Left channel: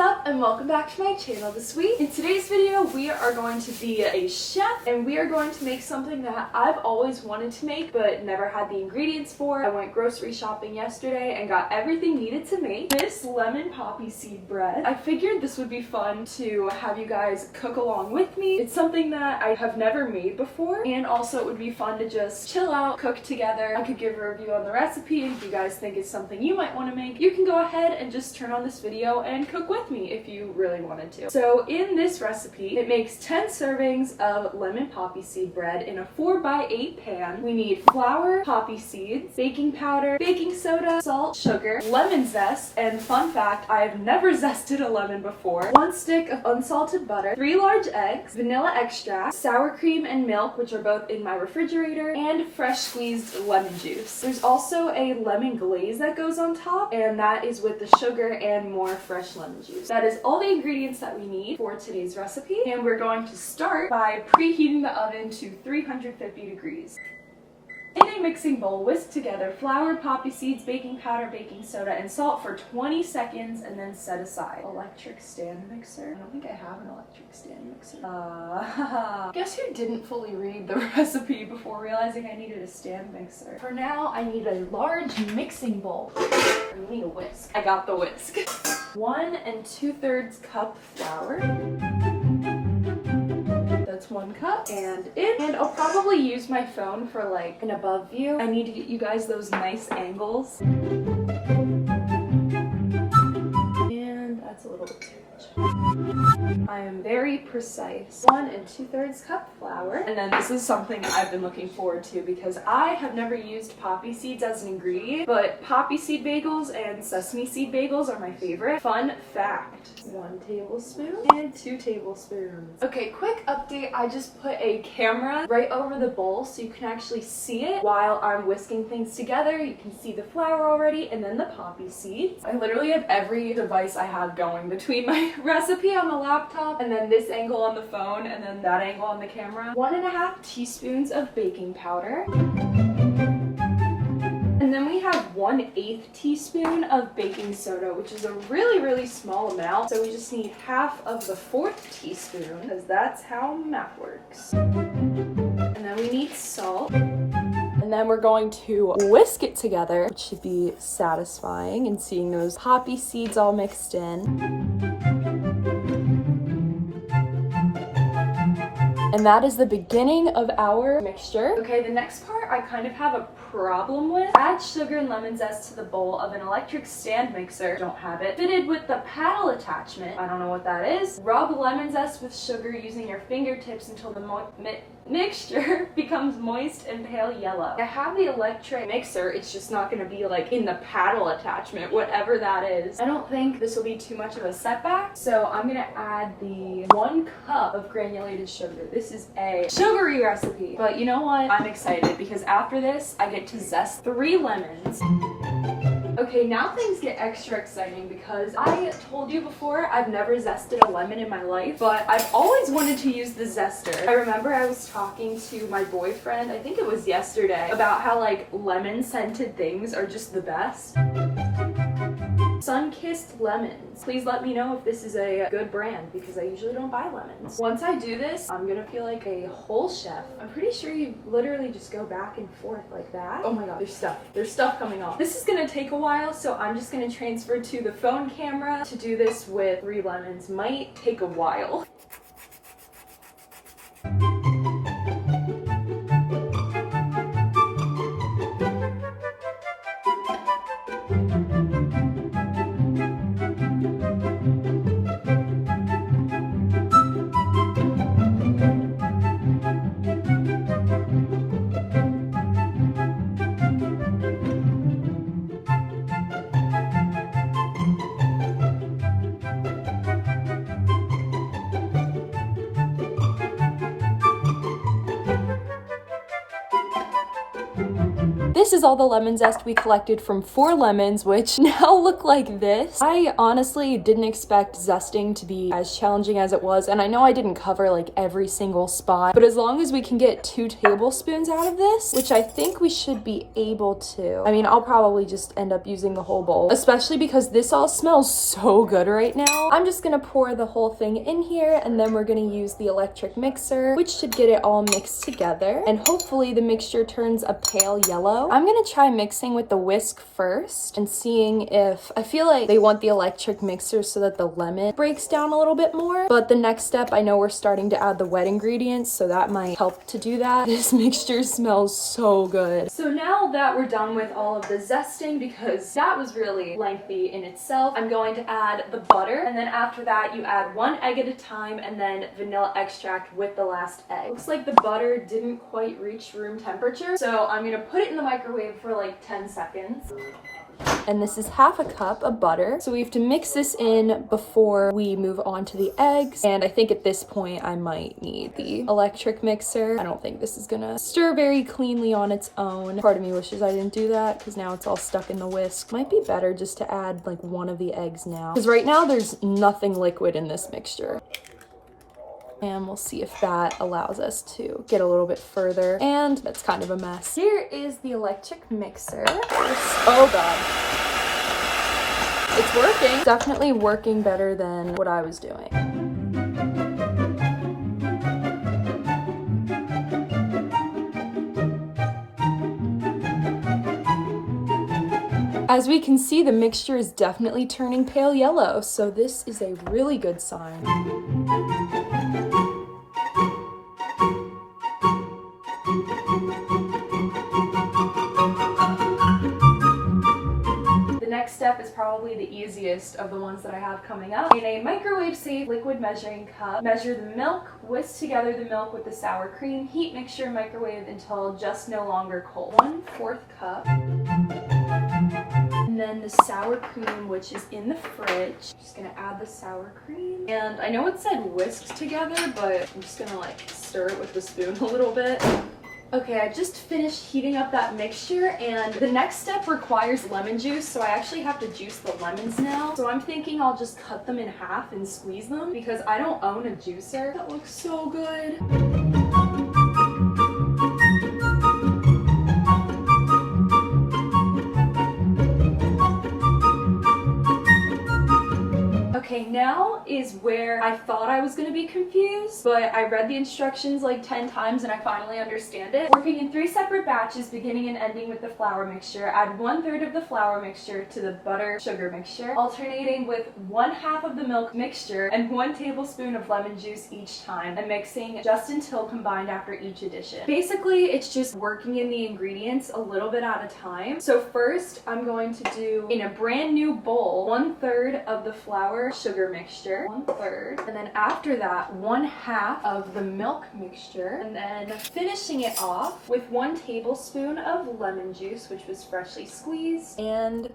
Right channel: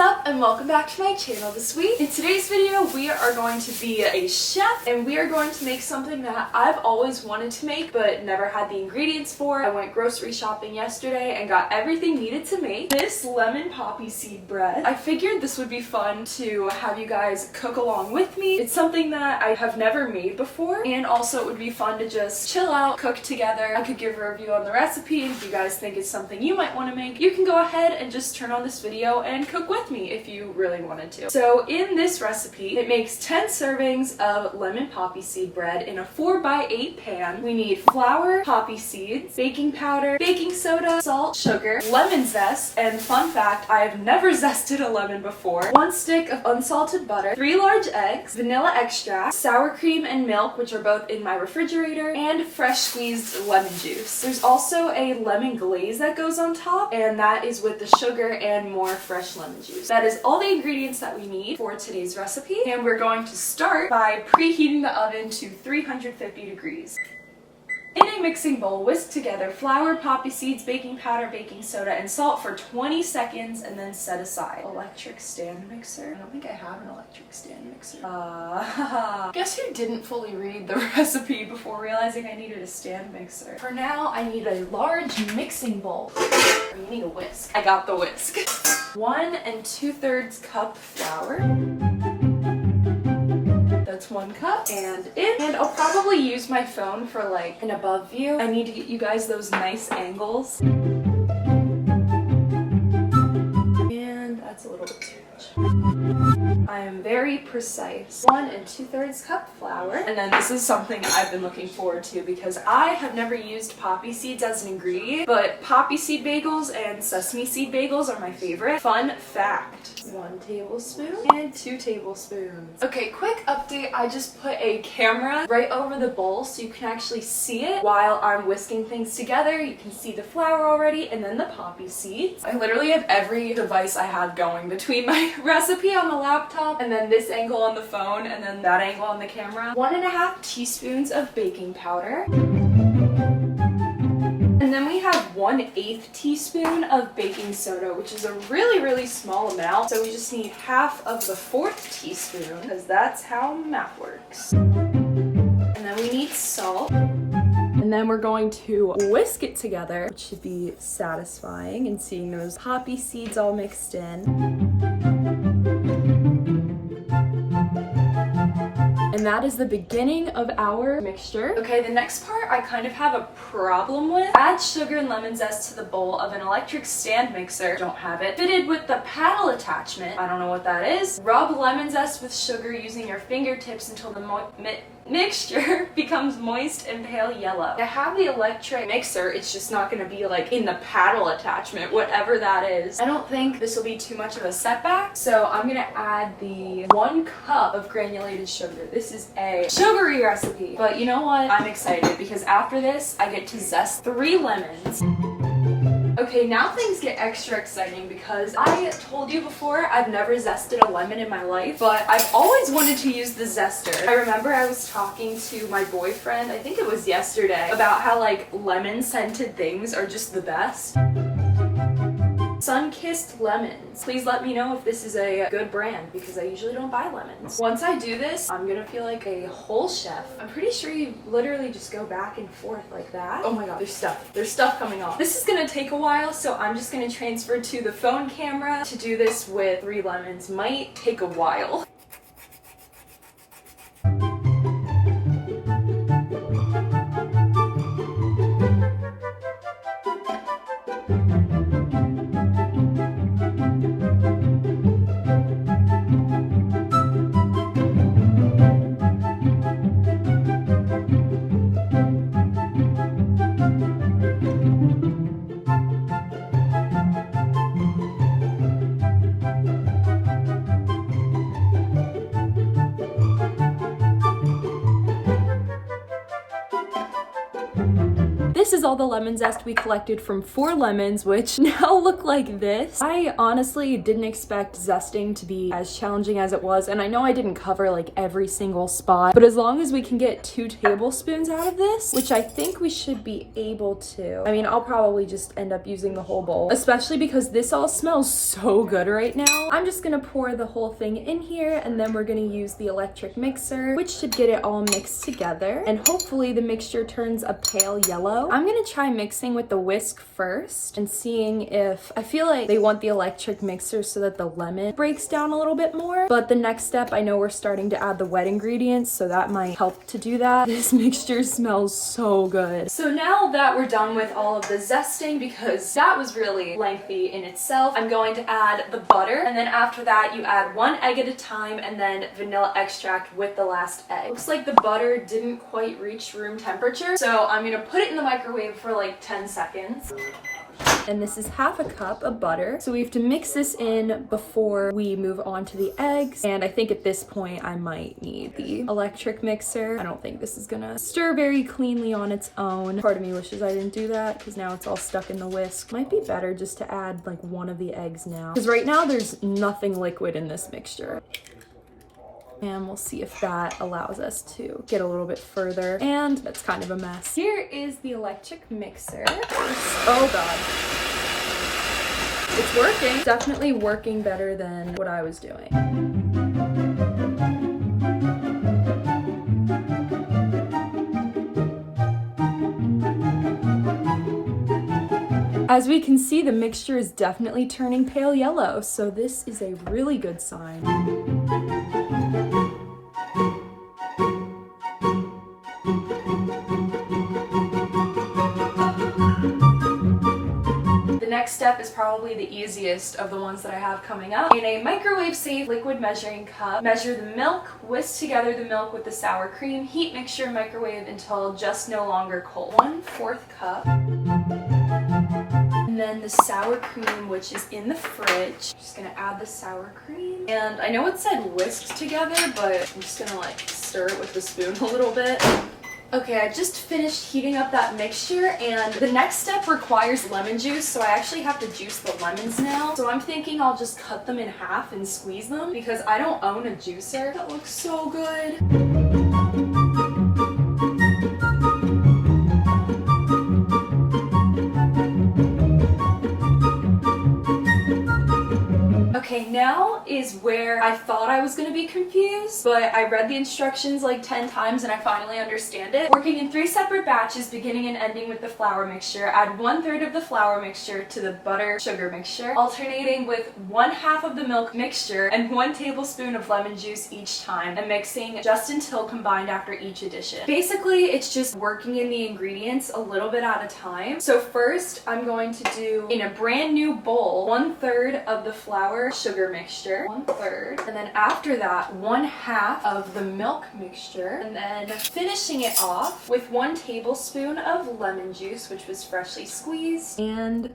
up and welcome back to my channel this week. In today's video we are going to be a chef and we are going to make something that I've always wanted to make but never had the ingredients for. I went grocery shopping yesterday and got everything needed to make this lemon poppy seed bread. I figured this would be fun to have you guys cook along with me. It's something that I have never made before, and also it would be fun to just chill out, cook together. I could give a review on the recipe, and if you guys think it's something you might want to make, you can go ahead and just turn on this video and cook with me if you really wanted to. So in this recipe, it makes 10 servings of lemon poppy seed bread in a 4x8 pan. We need flour, poppy seeds, baking powder, baking soda, salt, sugar, lemon zest, and fun fact, I have never zested a lemon before, 1 stick of unsalted butter, 3 large eggs, vanilla extract, sour cream and milk, which are both in my refrigerator, and fresh squeezed lemon juice. There's also a lemon glaze that goes on top, and that is with the sugar and more fresh lemon juice. That is all the ingredients that we need for today's recipe, and we're going to start by preheating the oven to 350 degrees. In a mixing bowl, whisk together flour, poppy seeds, baking powder, baking soda, and salt for 20 seconds and then set aside. Electric stand mixer? I don't think I have an electric stand mixer. Guess who didn't fully read the recipe before realizing I needed a stand mixer? For now, I need a large mixing bowl. You need a whisk. I got the whisk. 1 2/3 cup flour. That's 1 cup and I'll probably use my phone for like an above view. I need to get you guys those nice angles. And that's a little bit too much. I am very precise. 1 2/3 cup flour. And then this is something I've been looking forward to because I have never used poppy seeds as an ingredient, but poppy seed bagels and sesame seed bagels are my favorite. Fun fact. 1 tablespoon and 2 tablespoons. Okay, quick update. I just put a camera right over the bowl so you can actually see it while I'm whisking things together. You can see the flour already and then the poppy seeds. I literally have every device I have going between my recipe on the laptop and then this angle on the phone and then that angle on the camera. 1.5 teaspoons of baking powder. And then we have 1/8 teaspoon of baking soda, which is a really small amount. So we just need half of the 1/4 teaspoon because that's how math works. And then we need salt. And then we're going to whisk it together, which should be satisfying, and seeing those poppy seeds all mixed in. And that is the beginning of our mixture. Okay, the next part I kind of have a problem with. Add sugar and lemon zest to the bowl of an electric stand mixer. Don't have it. Fitted with the paddle attachment. I don't know what that is. Rub lemon zest with sugar using your fingertips until the mixture becomes moist and pale yellow. I have the electric mixer, it's just not going to be like in the paddle attachment, whatever that is. I don't think this will be too much of a setback, so I'm going to add the 1 cup of granulated sugar. This is a sugary recipe, but you know what? I'm excited because after this, I get to zest 3 lemons. Okay, now things get extra exciting because I told you before I've never zested a lemon in my life, but I've always wanted to use the zester. I remember I was talking to my boyfriend, I think it was yesterday, about how like lemon scented things are just the best. Sun-kissed lemons. Please let me know if this is a good brand because I usually don't buy lemons. Once I do this, I'm gonna feel like a whole chef. I'm pretty sure you literally just go back and forth like that. Oh my god, there's stuff. There's stuff coming off. This is gonna take a while, so I'm just gonna transfer to the phone camera. To do this with 3 lemons might take a while. this is all the lemon zest we collected from 4 lemons, which now look like this. I honestly didn't expect zesting to be as challenging as it was, and I know I didn't cover like every single spot, but as long as we can get 2 tablespoons out of this, which I think we should be able to. I mean, I'll probably just end up using the whole bowl, especially because this all smells so good right now. I'm just gonna pour the whole thing in here, and then we're gonna use the electric mixer, which should get it all mixed together, and hopefully the mixture turns a pale yellow. I'm gonna try mixing with the whisk first and seeing if, I feel like they want the electric mixer so that the lemon breaks down a little bit more, but the next step, I know we're starting to add the wet ingredients, so that might help to do that. This mixture smells so good. So now that we're done with all of the zesting, because that was really lengthy in itself, I'm going to add the butter, and then after that you add 1 egg at a time and then vanilla extract with the last egg. Looks like the butter didn't quite reach room temperature, so I'm gonna put it in the microwave for like 10 seconds. And this is half a cup of butter. So we have to mix this in before we move on to the eggs. And I think at this point I might need the electric mixer. I don't think this is gonna stir very cleanly on its own. Part of me wishes I didn't do that because now it's all stuck in the whisk. Might be better just to add like 1 of the eggs now, because right now there's nothing liquid in this mixture. And we'll see if that allows us to get a little bit further. And that's kind of a mess. Here is the electric mixer. Oh God. It's working. Definitely working better than what I was doing. As we can see, the mixture is definitely turning pale yellow, so this is a really good sign. Next step is probably the easiest of the ones that I have coming up. In a microwave-safe liquid measuring cup, measure the milk, whisk together the milk with the sour cream, heat mixture, microwave until just no longer cold. 1/4 cup. And then the sour cream, which is in the fridge. Just gonna add the sour cream. And I know it said whisk together, but I'm just gonna like stir it with the spoon a little bit. Okay, I just finished heating up that mixture, and the next step requires lemon juice, so I actually have to juice the lemons now. So I'm thinking I'll just cut them in half and squeeze them because I don't own a juicer. That looks so good. Okay, now is where I thought I was gonna be confused, but I read the instructions like 10 times and I finally understand it. Working in 3 separate batches, beginning and ending with the flour mixture, add 1/3 of the flour mixture to the butter sugar mixture, alternating with 1/2 of the milk mixture and 1 tablespoon of lemon juice each time, and mixing just until combined after each addition. Basically, it's just working in the ingredients a little bit at a time. So first, I'm going to do, in a brand new bowl, 1/3 of the flour sugar mixture, 1/3, and then after that 1/2 of the milk mixture, and then finishing it off with 1 tablespoon of lemon juice, which was freshly squeezed, and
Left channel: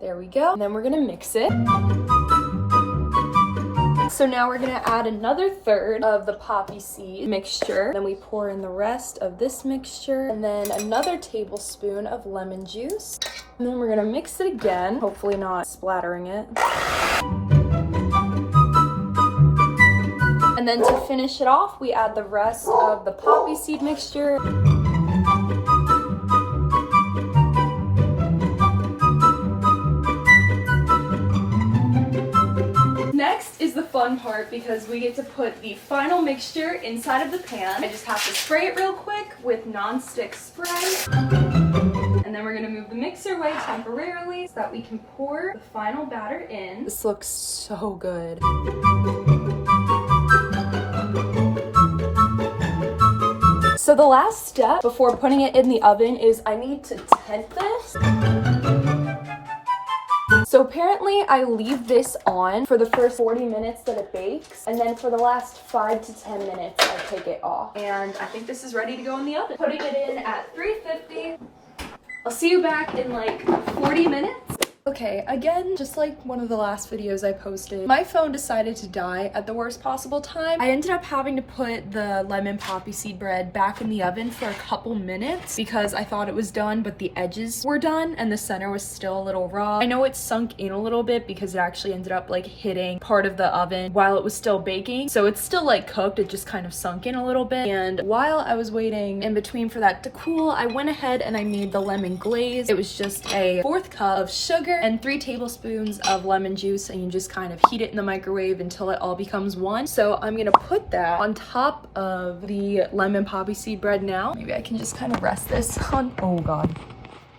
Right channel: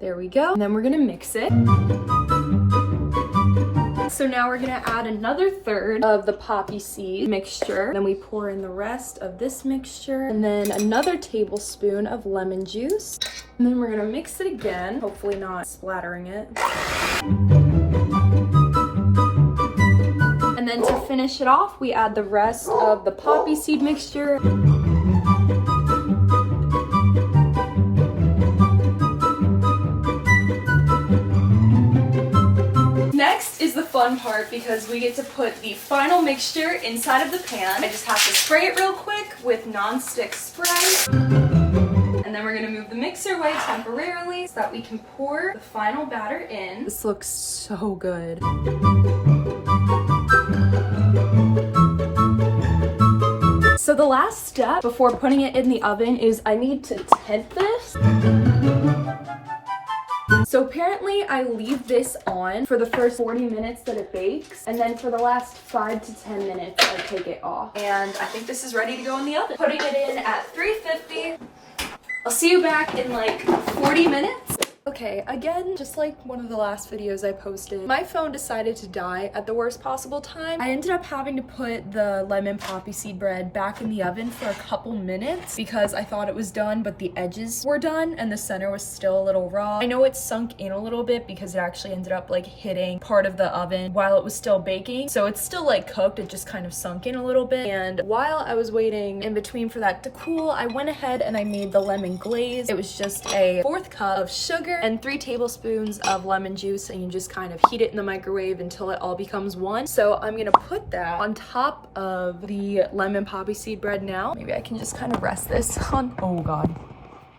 there we go. And then we're gonna mix it. So now we're gonna add another 1/3 of the poppy seed mixture. Then we pour in the rest of this mixture, and then another tablespoon of lemon juice. And then we're gonna mix it again, hopefully not splattering it. And then to finish it off, we add the rest of the poppy seed mixture. Next is the fun part because we get to put the final mixture inside of the pan. I just have to spray it real quick with non-stick spray. And then we're gonna move the mixer away temporarily so that we can pour the final batter in. This looks so good. So the last step before putting it in the oven is I need to tent this. So apparently I leave this on for the first 40 minutes that it bakes, and then for the last 5 to 10 minutes I take it off. And I think this is ready to go in the oven. Putting it in at 350. I'll see you back in like 40 minutes. Okay. Okay, again, just like one of the last videos I posted, my phone decided to die at the worst possible time. I ended up having to put the lemon poppy seed bread back in the oven for a couple minutes because I thought it was done, but the edges were done and the center was still a little raw. I know it sunk in a little bit because it actually ended up like hitting part of the oven while it was still baking. So it's still like cooked, it just kind of sunk in a little bit. And while I was waiting in between for that to cool, I went ahead and I made the lemon glaze. It was just a 1/4 cup of sugar and 3 tablespoons of lemon juice, and you just kind of heat it in the microwave until it all becomes one. So I'm gonna put that on top of the lemon poppy seed bread now. Maybe I can just kind of rest this on, oh God.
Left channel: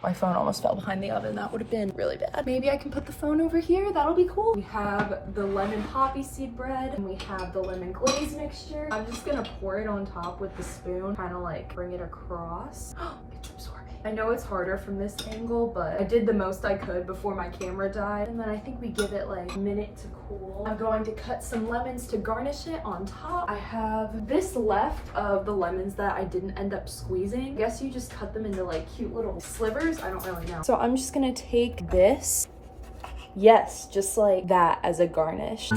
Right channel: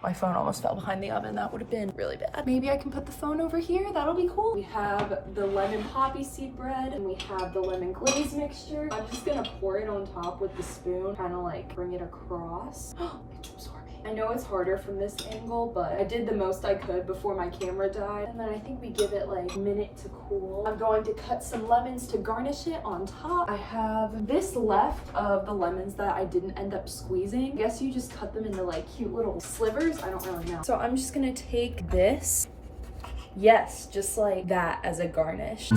My phone almost fell behind the oven. That would have been really bad. Maybe I can put the phone over here. That'll be cool. We have the lemon poppy seed bread and we have the lemon glaze mixture. I'm just gonna pour it on top with the spoon, kind of like bring it across. It's absorbing. I know it's harder from this angle, but I did the most I could before my camera died. And then I think we give it like a minute to cool. I'm going to cut some lemons to garnish it on top. I have this left of the lemons that I didn't end up squeezing. I guess you just cut them into like cute little slivers. I don't really know. So I'm just gonna take this. Yes, just like that as a garnish.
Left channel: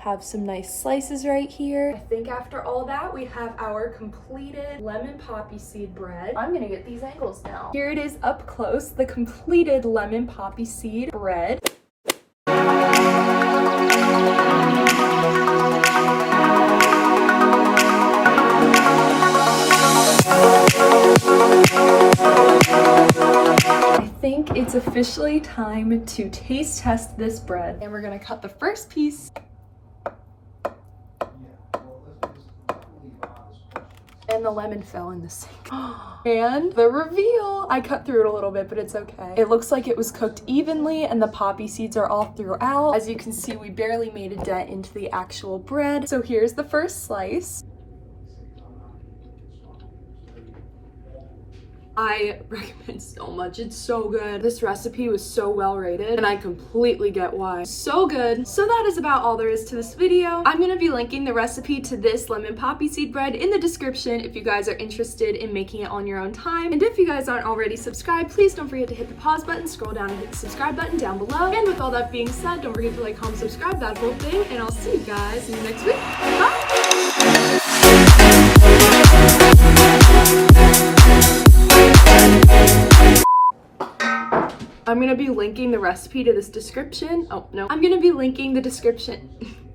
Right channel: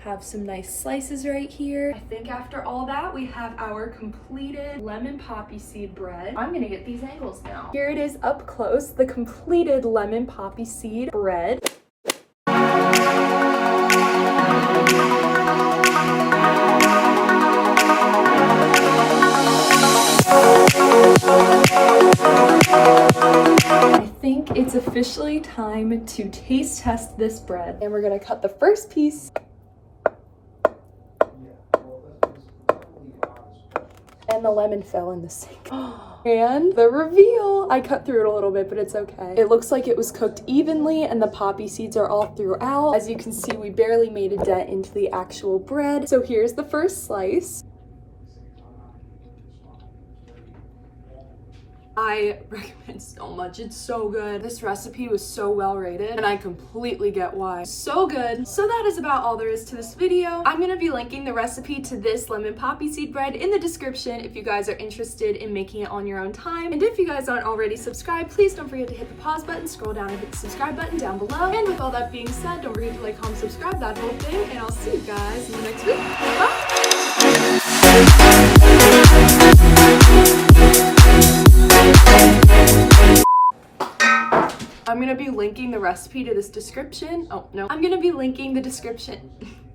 Have some nice slices right here. I think after all that, we have our completed lemon poppy seed bread. I'm gonna get these angles now. Here it is up close, the completed lemon poppy seed bread. I think it's officially time to taste test this bread. And we're gonna cut the first piece. And the lemon fell in the sink. And the reveal! I cut through it a little bit, but it's okay. It looks like it was cooked evenly and the poppy seeds are all throughout. As you can see, we barely made a dent into the actual bread. So here's the first slice. I recommend so much. It's so good. This recipe was so well rated and I completely get why. So good. So that is about all there is to this video. I'm gonna be linking the recipe to this lemon poppy seed bread in the description if you guys are interested in making it on your own time. And if you guys aren't already subscribed, please don't forget to hit the pause button, scroll down and hit the subscribe button down below. And with all that being said, don't forget to like, comment, subscribe, that whole thing, and I'll see you guys in the next week. Bye! I'm gonna be linking the recipe to this description. Oh, no. I'm gonna be linking the description.